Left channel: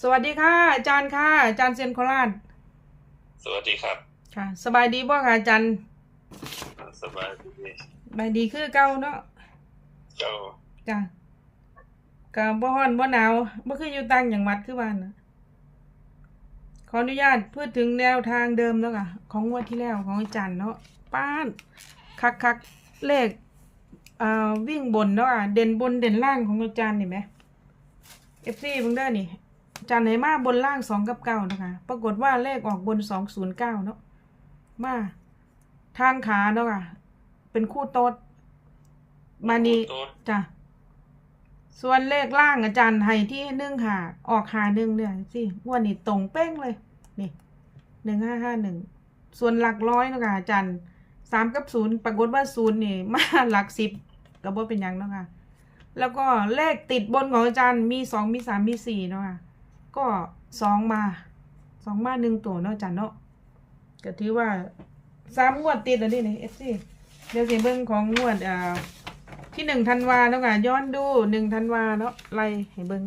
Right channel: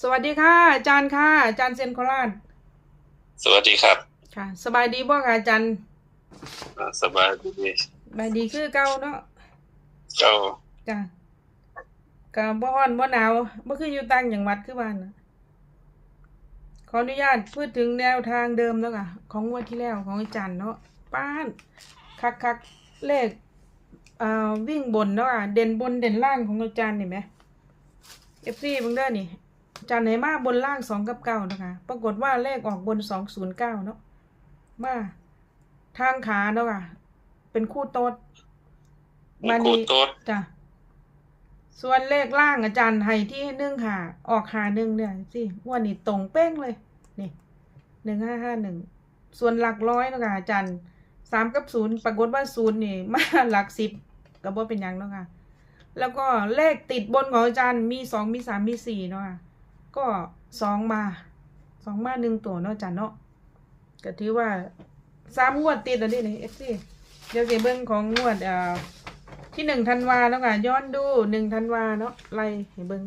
สวัสดีค่ะ อาจารย์ค่ะ อาจารย์เซยนโคราช สวัสดีครับ ค่ะ สบายดีบ่ค่ะอาจารย์อ่าสบายดีสบายดีคือเก่าเนาะเจ้าจ้ะก็บ่ร้อนบ่หนาวบ่คืออยู่ต่างจังหวัดคือบ้านน่ะขออนุญาตพูดถึงแนวทางเดิมแล้วค่ะ ของงวดที่แล้วของอาจารย์เนาะป้านคักคักๆเลขอ่าวิ่งบนเนาะอะเด่นบนเด่นล่างของอาจารย์นี่ไหม FC เบิ่งเด้อนี่อา จารย์ให้มาบนล่างสองกับเก้านะคะ ปรากฏว่าเลขออกบนสองศูนย์เก้าเนาะ มาทางขาเนาะค่ะ เป็นคู่โต๊ดมาคูนี่โต๊ดจ้ะ ส่วนเลขล่างอาจารย์ให้ที่หนึ่งหาออกหาหนึ่งเนี่ยสิงวันนี้ตรงเป้งเลย นี่หนึ่งห้าห้าหนึ่ง ส่วนหลักร้อยเนาะค่ะอาจารย์สามกับศูนย์ปรากฏว่าศูนย์นี่มาหลักสิบก็บ่เป็นหยังเนาะค่ะ แล้วก็เลขติดบนของอาจารย์มีสองมีสามมีสี่เนาะค่ะ ก็สองมาสองมาหนึ่งตัวเนาะอาจารย์เนาะก็ถือว่าสามงวดติดแล้วนี่นี่เอฟซีเดี๋ยวสิเบิ่งของงวดอ่าที่หนึ่งธันวาเนาะค่ะย้อนดูหนึ่งธันวาเนาะไล่ให้เบิ่ง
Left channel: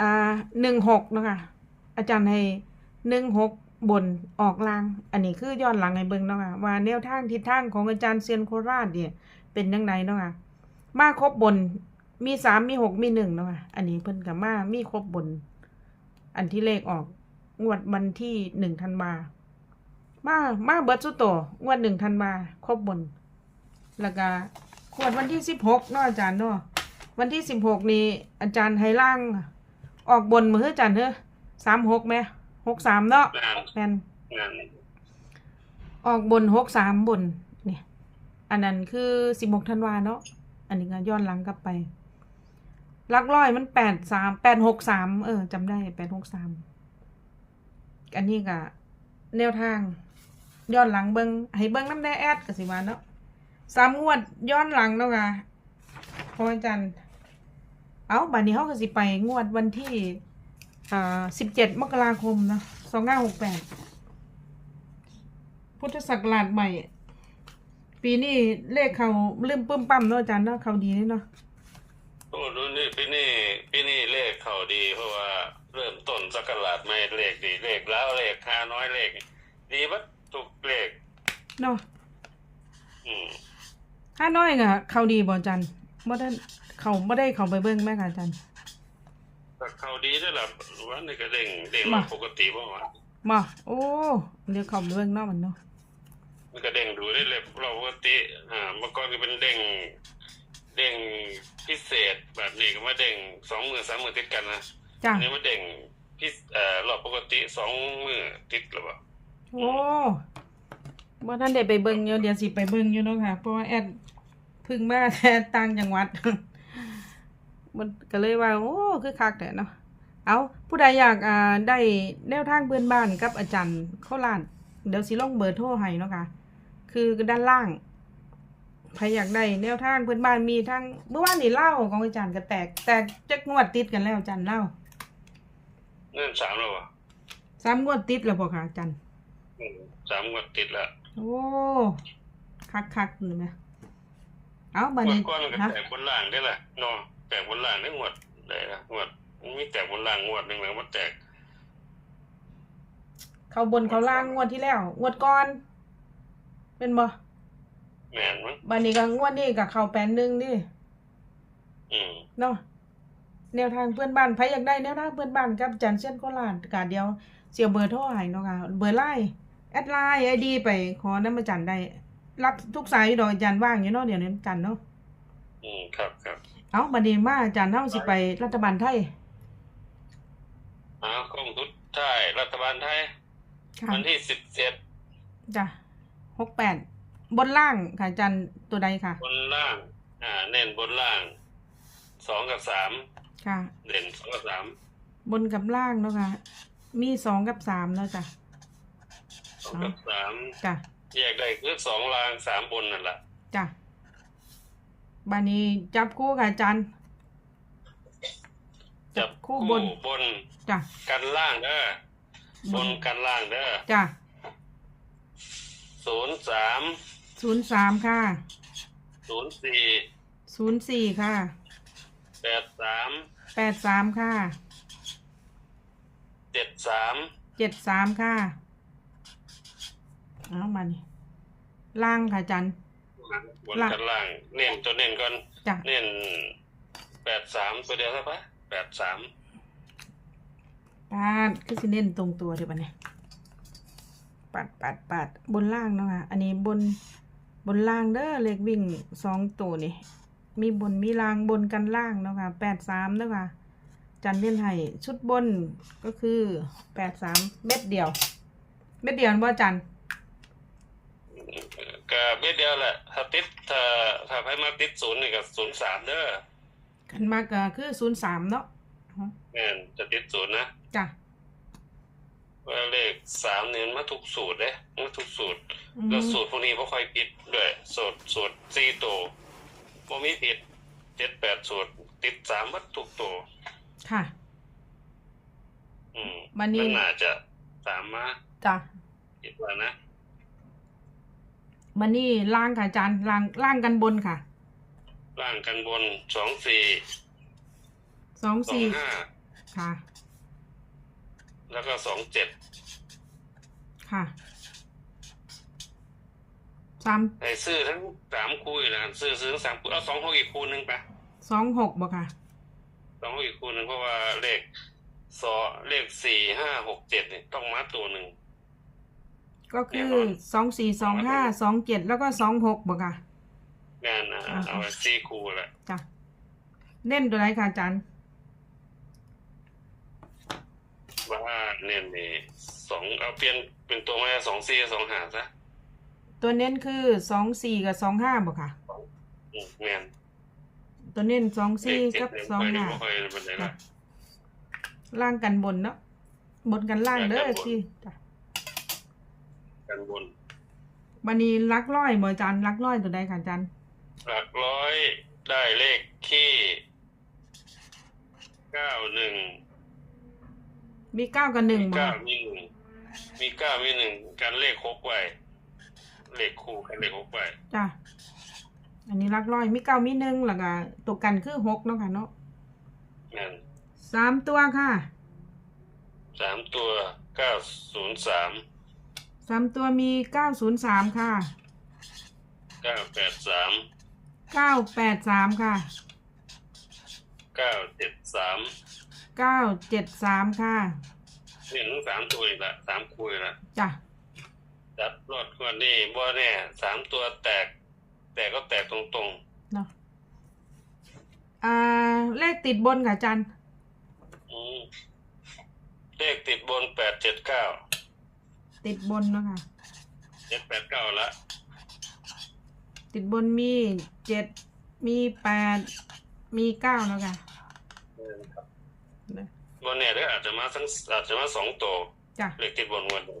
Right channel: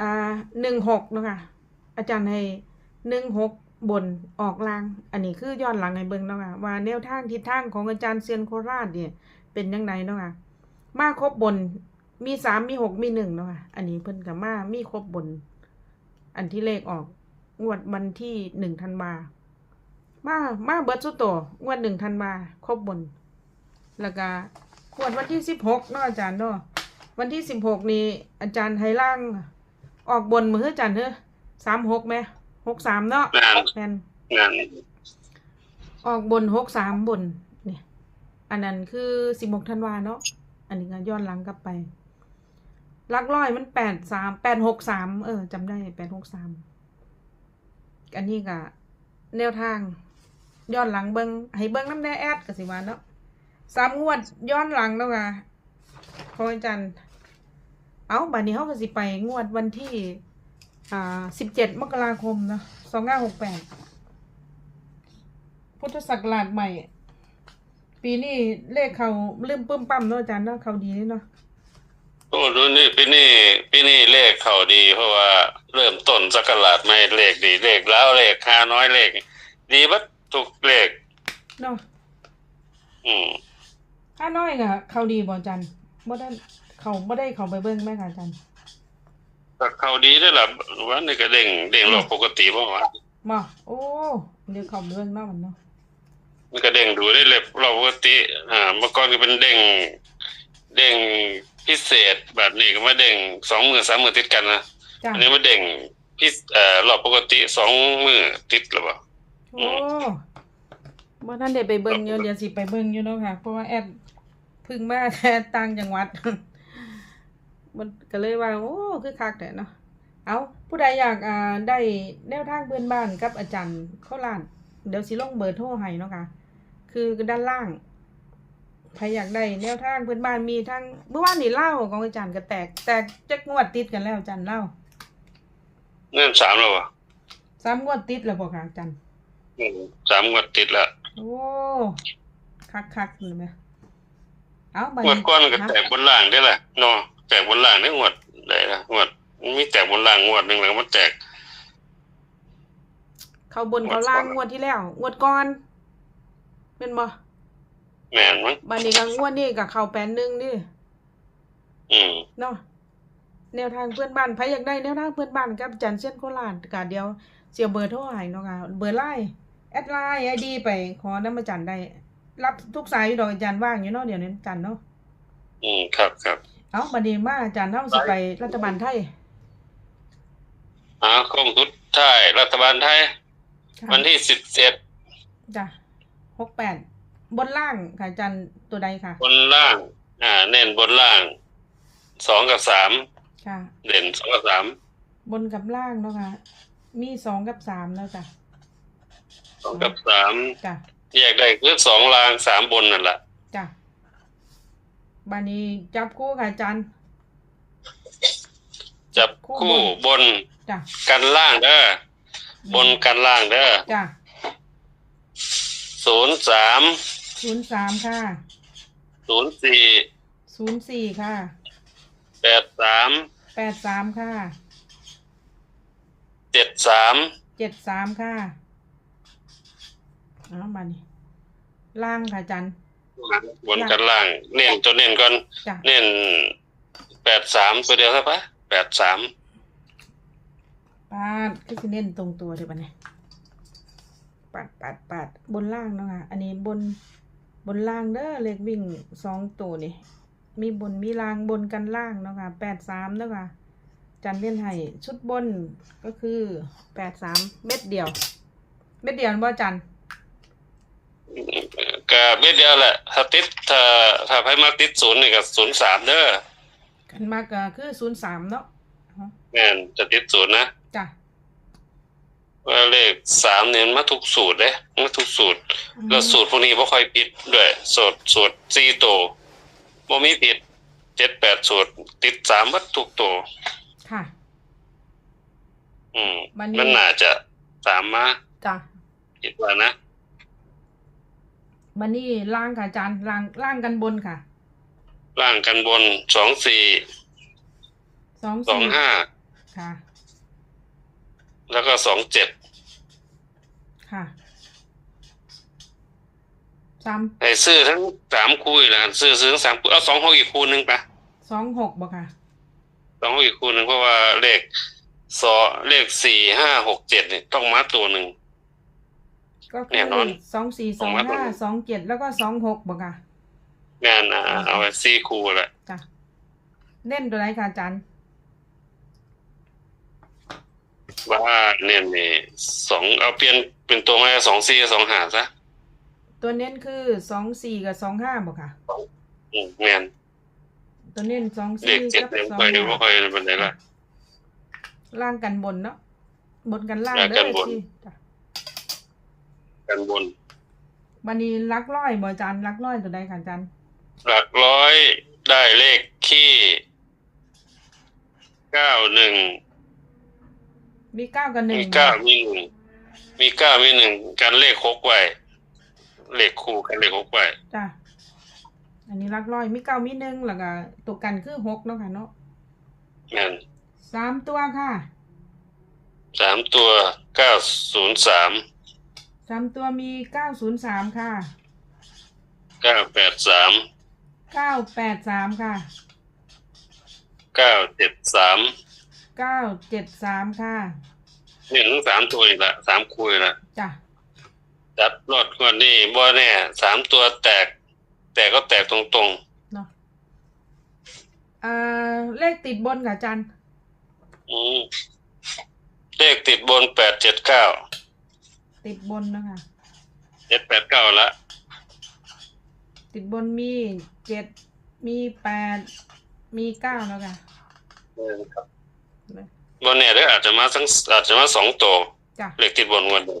อ่าหนึ่งหกเนาะค่ะอาจารย์ให้หนึ่งหกบนออกลาง อันนี้คือย้อนหลังให้เบิ่งเนาะค่ะว่าแนวทางทิศทางของอาจารย์เซียนโคราชเนี่ยเป็นยังไงเนาะค่ะมาครบบนมีสามมีหกมีหนึ่งเนาะค่ะอันนี้เพิ่นกับมามีครบบน อันที่เลขออกงวดวันที่หนึ่งธันวามามาเบิดสุดโตวงวดหนึ่งธันวาครบบน แล้วก็ขวดวันที่สิบหกเนาะอาจารย์เนาะวันที่สิบหกนี้อาจารย์ไฮล่าง ออกบนมืออาจารย์เถอะสามหกไหมหกสามเนาะงานแม่นงานออกบนหกสามบน เนี่ย อันนั้นคือสิบหกธันวาเนาะอันนี้ก็ย้อนหลังกลับไปห ลักร้อยมันแปดสามแปดหกสามเออจำได้แปดหกสามอันนี้ก็แนวทาง ย้อนหลังเบิงให้เบิงน้ำแน่แอดกับสิวาเนาะสามงวดย้อนหลังเนาะค่ะขออาจารย์เอาบัดนี้เขาก็สิไปงวดวันที่อ่าสิบเจ็ดมกราคมเนาะสองห้าหกแปดพุทธศักราชใหม่ ปีนี้เลขเขาลืมปึ้มปั้มเนาะอาจารย์เนาะเขาดีเนาะ โอ้ดูนี่ปีนี้ปีนี้เลขเข้าดี เพราะว่าเริ่มต้นสักราชไม่เลขดีเลขแล้วเลขค่าน้อยเลข ดีบัดทุกเลขเนาะอืมห้าน้อยก็เขาดีบ่อาจารย์บ่ได้เขาบ่ได้เขาไปเบิ่งแม่ค่ะอาจารย์ก็เข้าดีได้อล่ะวันนี้ก็เด้งเด้งรอบปกติบ่วะบ่โอ้เดี๋ยวเขาไปเบิ่งเนาะมันเนาะมันก็เด้งดูได้เล็บรอบปกติอ่าเมื่อก่อนก็เป็นเด้งเด้ง พิเศษแบบนี้ก็มาเด้งสองมือสามมือติดกันนะจ้ะอันนี้มาเด้งพิเอ่อรอบปกติสองมือติดหรือเปล่า โอ้บ่ทันได้ไปเบิ่งอยู่เดี๋ยวสิไปเบิ่งอยู่เนาะค่ะ เพราะว่าแอดเพึ่งมาแค่ต่างจังหวัด มันก็เลยว่า โอ้คือคักแต่เนาะเอาผู้ใดอยากอ่าได้แนวทางเพื่อนบ้านกับอาจารย์โคราชเดี๋ยวสิลงเบอร์โทรให้เนาะค่ะ คือด้านล่าง ใครอยากได้แนวทางเพื่อนบ้านมีทั้งเมื่อวานนี่เล่าของอาจารย์ก็แตก แตกจักงวดติดกันแล้วอาจารย์เล่าเงื่อนสามแล้ววะสามงวดติดแล้วบ่ค่ะอาจารย์อืมสามงวดติดแล้วโอ้คักคักๆเลยไหมเอาบัดงวดนี้ก้อนก็ฮะแตกบนล่างได้แหละเนาะแตกบนล่างได้งวดได้ละงวดมันมีแตกบนล่างงวดหนึ่งแล้วมันแตก เขาบนเขาล่างงวดที่แล้วงวดก่อนเป็นบ่ แม่นมั้งบัดนี้ก็งวดนี้กับเขาแปดหนึ่งนี่อืมเนาะแนวทางเพื่อนบ้านใครอยากได้แนวทางเพื่อนบ้านกับจันเส้นโคราชกาเดียวเสียเบอร์โทรให้เนาะค่ะเบอร์ไลน์แอดไลน์ไอดีไปขอน้ำมาจันได้ รับทุกสายอยู่ดอกอาจารย์ว่างอยู่เนาะเดี๋ยวนี้จันเนาะอืมครับครับเอาบัดนี้มาอาจารย์เฮาสิไปรัฐบาลไทยหาข้อมูลไทยรัฐบาลไทย ค่ะวันที่สิบเจ็ดจ้ะหกแปด บนล่างค่ะอาจารย์ตัวใดค่ะ บนล่าง อ่า เน้นบนล่างสองกับสามค่ะ เด่นสองกับสามบนกับล่างเนาะค่ะ มีสองกับสามเนาะจ้ะสองกับสามจ้ะแยกได้คือสองล่างสามบนนั่นแหละจ้ะบานี้จับคู่ค่ะอาจารย์จับคู่คู่บนบนจ้ะกันล่างเด้อบนกันล่างเด้อจ้ะศูนย์สาม ศูนย์สามค่ะศูนย์สี่ศูนย์สี่ค่ะแปดสามแปดสามค่ะเจ็ดสามเจ็ดสามค่ะเอามานี่ล่างค่ะอาจันบนกันล่าง เน้นตัวเน้นก่อน จ้ะเน้นแปดสามตัวเดียวใช่ปะแปดสามปาดคือสิเน้นตรงตัวเดี๋ยวปะเนี่ยปัดปัดปัดบนล่างเนาะค่ะ อันนี้บน บนล่างเด้อเลขวิ่งสองตัวนี่มีบนมีล่างบนกันล่างเนาะค่ะแปดสามเนาะค่ะจันเล่นให้ชุดบนก็คือแปดสามเม็ดเดียว เม็ดเดียวนะบ่จันก็เบ็ดเดียวแหละถ้าติดถ้าถ้าให้มาติดศูนย์นี่ก็ศูนย์สามเด้อกันมากก็คือศูนย์สามเนาะแม่นจะติดศูนย์นะจ้ะ ว่าเลขสามเนี่ยมันมาทุกสูตรเลยมาทุกสูตรอืมแล้วสูตรพวกนี้บ่ค่อยผิดด้วยสูตรสูตรสี่ตัวบ่มีผิดเจ็ดแปดสูตร ติดสามวัดทุกตัว ค่ะ อืมวันนี้มันน่าจะสามมาจ้ะคิดว่านะ มันนี่ล่างค่ะอาจารย์ล่างล่างกันบนค่ะล่างกันบนสองสี่สองสองสี่ห้าค่ะ แล้วก็สองเจ็ดค่ะสามให้ซื้อทั้งสามคู่นะซื้อซื้อทั้งสามคู่เอาสองหกอีกคู่หนึ่งปะสองหกบ่ค่ะสองหกอีกคู่หนึ่งเพราะว่าเลขสอเลขสี่ห้าหกเจ็ดเนี่ยต้องมาตัวหนึ่งก็คืแน่อนอนสองสี่สองห้าสองเจ็ดแล้วก็สองหกบ่ค่ะงานอะเอาไว้สี่คู่แหละจ้ะเน้นตัวไหนค่ะอาจารย์ ว่าเนี่ยนี่สองเอาเปลี่ยนเป็นตัวมาสองสี่สองหาซะตัวเน้นคือสองสี่กับสองห้าบ่ค่ะอืมแม่นตัวเน้นสองเลสี่ขเจ็ดกับเนี่ยสองค่อยดูห้าว่าค่อยเป็นไรล่ะ ล่างกันบนเนาะบนกันล่างล่างเด้กัอนบน สิจ้ะกันบนบันนี้ลักร้อยบ่อาจารย์ลักร้อยตัวใดค่ะอาจารย์หลักร้อยได้เลขขี้เก้าหนึ่ง มีเก้ากับหนึ่งมีบ่เก้ามีหนึ่งมีเก้ามีหนึ่งกันเลขหกไว้เลขคู่กันเลขหกไว้จ้ะอันนี้ลักร้อยมีเก้ามีหนึ่งแล้วก็ตัวกันคือหกเนาะค่ะเนาะแม่นสามตัวค่ะสามตัวเก้าศูนย์สามสามตัวมีเก้าศูนย์สามค่ะเก้าแปดสามเก้าแปดสามค่ะเก้าเจ็ดสาม เก้าเจ็ดสามค่ะ เนี่ยทั้งสามตัวอีกละสามคู่อีกละจ้ะจัดรอดก่อนนี่บ่แน่สามตัวแตก แต่ก็แตกตรงเนาะอ่าเลขติดบนค่ะอาจารย์ๆอืมเลขติดบนแปดเจ็ดเก้าติดบนเนาะค่ะเจ็ดแปดเก้าละติดบนมีเจ็ดมีแปดมีเก้าเนาะค่ะ เออครับ บ่แน่เด้ออาจจะมาทั้งอาจจะมาสองตัวจ้ะเลขติดบนงวดหนึ่ง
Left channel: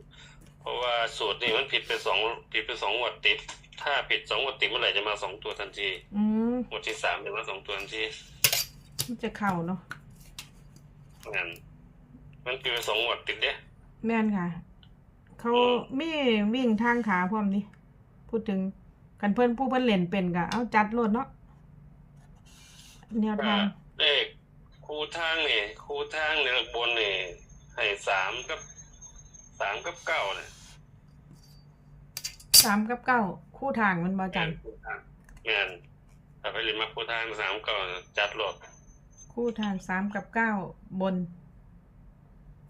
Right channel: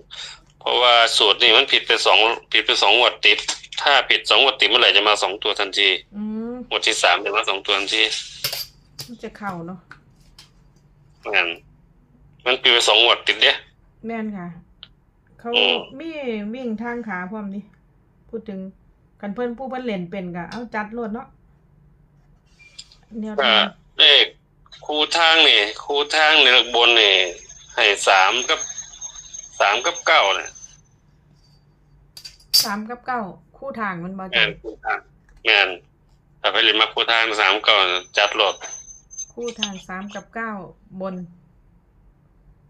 เพราะว่าสูตรนี่มันผิดไปสองผิดไปสองงวดติด ถ้าผิดสองงวดติดเมื่อไหร่จะมาสองตัวทันทีอืมงวดที่สามจะมาสองตัวทันทีมันจะเข่าเนาะงั้นมันผิดไปสองงวดติดเด้ แม่นค่ะ เขาอืม มีวิ่งทางขาพร้อมนี่พูดถึงกันเพิ่นผู้เพิ่นเล่นเป็นก็เอาจัดโลดเนาะแนวก็ทางเลข คู่ทางนี่คู่ทางในบนนี่ให้สามกับสามกับเก้าเนี่ยสามกับเก้าคู่ทางมันบ่งาจันนคู่ทางงานถ้าไปเรียนมาคู่ทางสามเก้าจัดรถคู่ทางสามกับเก้าบน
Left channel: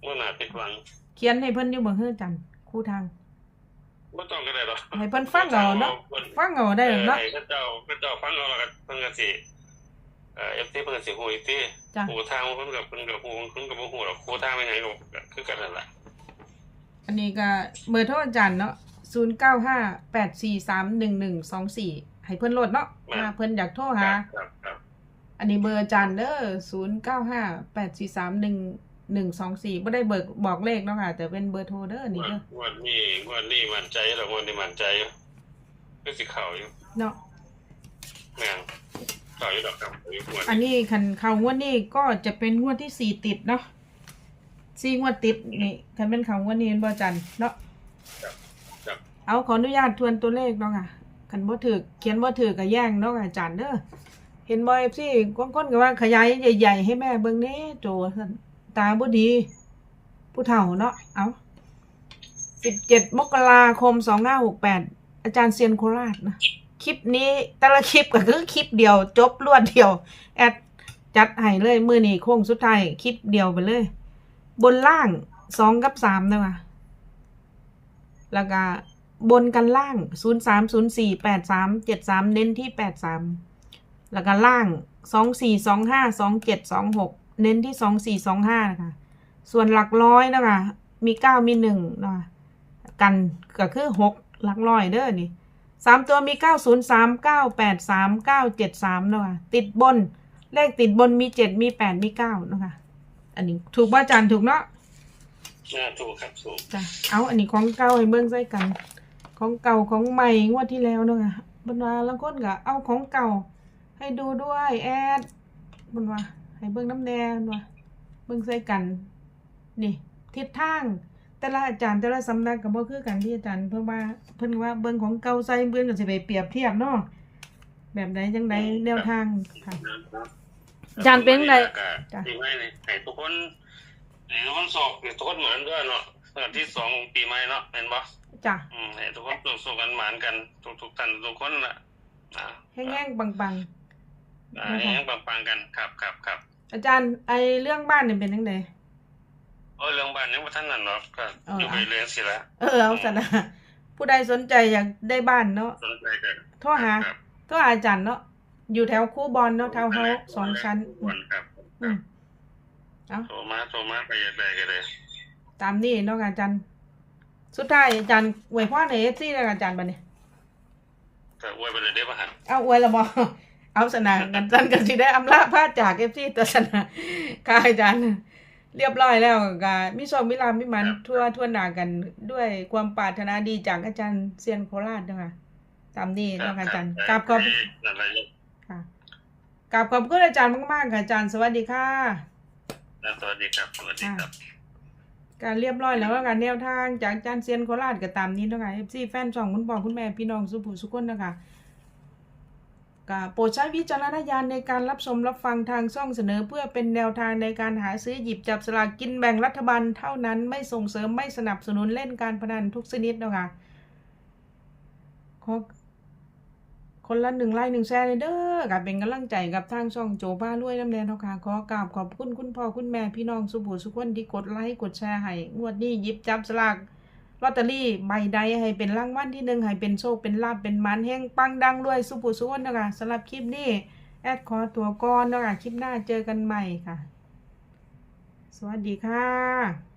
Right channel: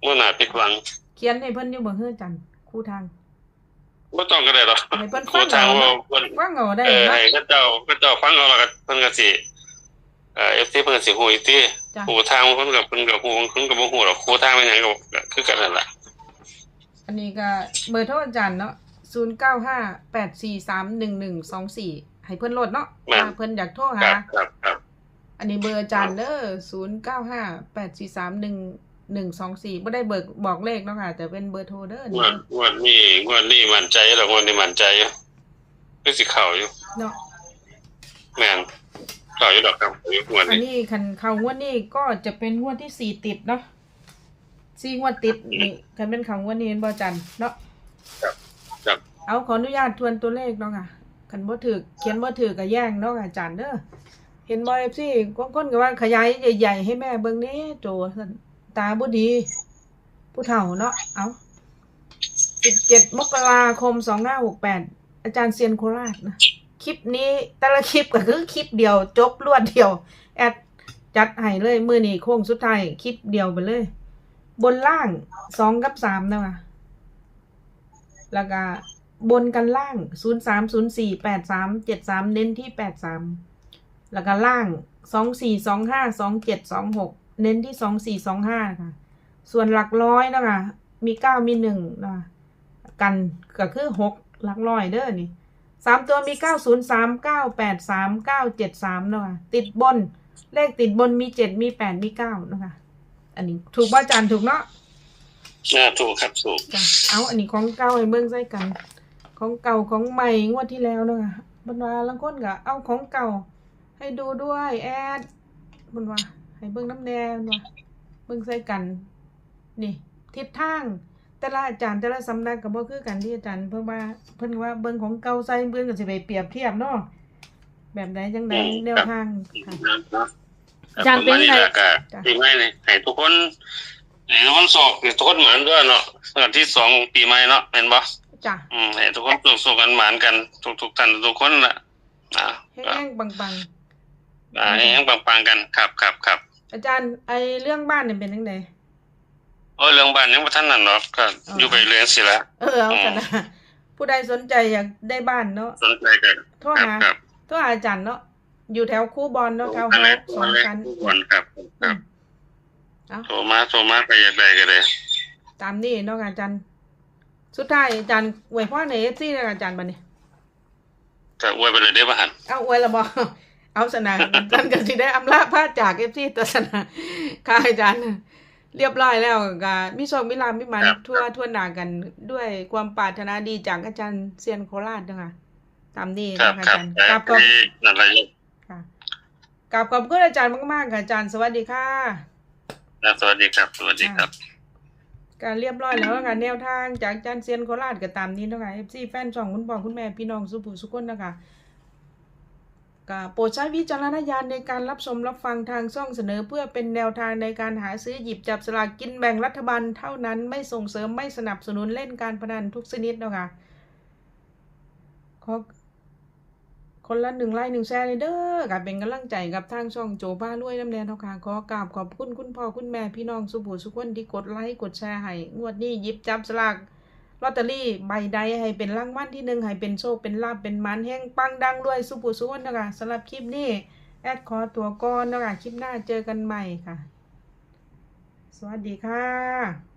เมื่อหนาผิดหวังเขียนให้เพิ่นอยู่เบิ่งเฮือจันคู่ทาง ไม่ต้องก็ได้หรอกให้เพิ่นฟังเอาเนาะเพิ่นฟังเอาได้เออเนาะให้เขาเจ้าเขาเจ้าฟังเอาและกันเพิ่นก็สิ เอ่อ FT เพิ่นก็สิฮู้อีกทีจ้ะฮู้ทางเพิ่นก็เพิ่นก็ฮู้เพิ่นก็บ่ฮู้หรอกฮู้ทางเป็นหยังก็ก็คือกันนั่นล่ะอันนี้ก็เบอร์โทรอาจารย์เนาะศูนย์เก้าห้าแปดสี่สามหนึ่งหนึ่งสองสี่ให้เพิ่นโหลดเนาะถ้าเพิ่นอยากโทรคหา รับครับครับอันนี้เบอร์อาจารย์เด้อศูนย์เก้าห้าแปดสี่สามหนึ่งหนึ่งสองสี่ไม่ได้เบิกบอกเลขเนาะค่ะ แต่เป็นเบอร์โทรเด้ออันงนี่วดเด้องวดนี้งวดนี้มั่นใจแล้วงวดนี้มั่นใจอยู่คือสิเข้าอยู่เนาะแม่นเข้าอยู่ดอกครับอยู่งวดอันนี้นี้คันเขางวดนี้ก็จะเป็นงวดที่สี่ติดเนาะสี่งวดติดนี่คันเป็นเขางวดนี้เป็นบอจันเนาะครับเอาขออนุญาตทวนตัวเลขเนาะค่ะคันบ่ถือเขียนบ่ถือก็แย่งเนาะค่ะอาจารย์เด้อเห็นบ่เอฟซีก้นๆก็ว่าขยายใหญ่ ๆ ให้แม่เบิ่งแหน่โจซั่นตาบ่ดี ผู้เฒ่าเนาะเอาสิบเจ็ดมกราคมสองห้าหกแปดอาจารย์เซียนโคราชนะ คลิปนี้แต่ละคลิปก็คือคลิปเดียว จบรวดเดียว แอดจัดให้เลยมือนี้โค้งสุดท้ายคลิปเดียวไปเลย บนล่างสองกับสามนะวะแล้วก็บนกันล่างศูนย์สามศูนย์สี่แปดสามเจ็ดสามเน้นที่แปดสามแล้วก็ล่างสองสี่สองห้าสองเจ็ดสองหกเน้นที่สองสี่สองห้านะคะส่วนหลักร้อยนะคะมีเก้ามีหนึ่งนะคะกันก็คือหกหลักร้อยเด้อนี่ สามตัวมีเก้าศูนย์สามเก้าแปดสามเก้าเจ็ดสามนะคะติดบน เลขติดบนมีเจ็ดมีแปดมีเก้านะคะอันนี้ถูกป่ะอาจารย์ถูกเนาะน่าถูกครับถูกจ้ะเอาอันนี้ของเก่าให้เบิ่งใส่กัน ของเก่าของใหม่งวดที่แล้วเนาะค่ะบนว่าลางคนก็เอาของเก่า ให้ดูด้วยแอดบนว่าให้เบิ่งน้ำแดงว่าเบิ่งใส่กัน นี่ ทิศทาง แต่ละอาจารย์แต่ละสำนักก็บ่คือกันที่อาจารย์เพิ่นว่าเพิ่นว่าเบิ่งของเก่าใส่เบิ่งก็สิไปเปรียบเทียบเนาะแบบใดจังใดแนวทางค่ะ อาจารย์เป็นไงจ้ะจ้ะปีใหม่นี่ให้ทุกคนให้ทุกคนโศกให้ทุกคนหมานด้วยเนาะวันที่สองปีใหม่เนาะเป็นบ่จ้ะอืมให้ทุกคนสุขสุขกันหมานกันทุกทุกๆท่านทุกคนน่ะอ่าแห้งๆปังๆ อ่าให้ยังปังๆกันครับครับครับอาจารย์ไอเรื่องบ้านเนี่ยเป็นยังไง โอ้ยเรื่องบ้านยังบ่ทันนั่นเนาะก็อ๋อออยู่ไปเรื่อยสิละเออเอากันนะผู้ใดสนใจอยากได้บ้านเนาะสนใจกันโทรหาครับโทรหาอาจารย์เนาะอยู่แถวคู่บอลเนาะแถวเฮาส์สองชั้นทุกคนครับคอืรับมเอาโทรมาโทรมาไปอยากได้ก็ได้ตามนี้เนาะอาจารย์สุดท้ายอาจารย์อวยพรในเอฟซีอาจารย์บัดนี้ก็อวยไปเลยได้บ่หันเอาอวยละบ่เอาสนาอาจารย์ก็สิได้อำลาพาจากเอฟซีตัวสนาค่ะอาจารย์ เรียบร้อยแล้วก็มีโชคมีลาภมีมันทั่วทั่วหน้ากันด้วยความปรารถนาดีจากอาจารย์เซียนโคราชเนาะค่ะตามนี้ครับเนาะค่ะคอารับจารย์กราบขอบนั่นแหละค่ะกราบขอบคุณอาจารย์มากๆค่ะอาจารย์สวัสดีค่ะนะสวัสดีครับสวัสดีครับการเรียบร้อยแล้วค่ะแนวทางจากอาจารย์เซียนโคราชก็ตามนี้เนาะคะ FC แฟนช่องคุณพ่อคุณแม่พี่น้องสุภูสุคนนะคะก็ โปรดใช้วิจารณญาณในการรับชมรับฟังทางช่องเสนอเพื่อเป็นแนวทางในการหาซื้อหยิบจับสลากกินแบ่งรัฐบาลเท่านั้นไม่ส่งเสริมไม่สนับสนุนเล่นการพนันทุกชนิดนะคะขอคนละหนึ่งไลค์หนึ่งแชร์เลยเด้อกับเป็นกำลังใจกับทางช่องโจบ้ารวยน้ำแดงเท่าค่ะขอกราบขอบคุณคุณพ่อคุณแม่พี่น้องสุภูสุคนที่กดไลค์กดแชร์ให้งวดนี้หยิบจับสลาก ลอตเตอรี่ใบใดให้เป็นรางวัลที่หนึ่งให้เป็นโชคเป็นลาบเป็นมันแห้งปังดังด้วยสุภูสุวนนะคะสำหรับคลิปนี้แอดขอตัวก่อนนะคะคลิปหน้าเจอกันใหม่ค่ะ สวัสดีค่ะ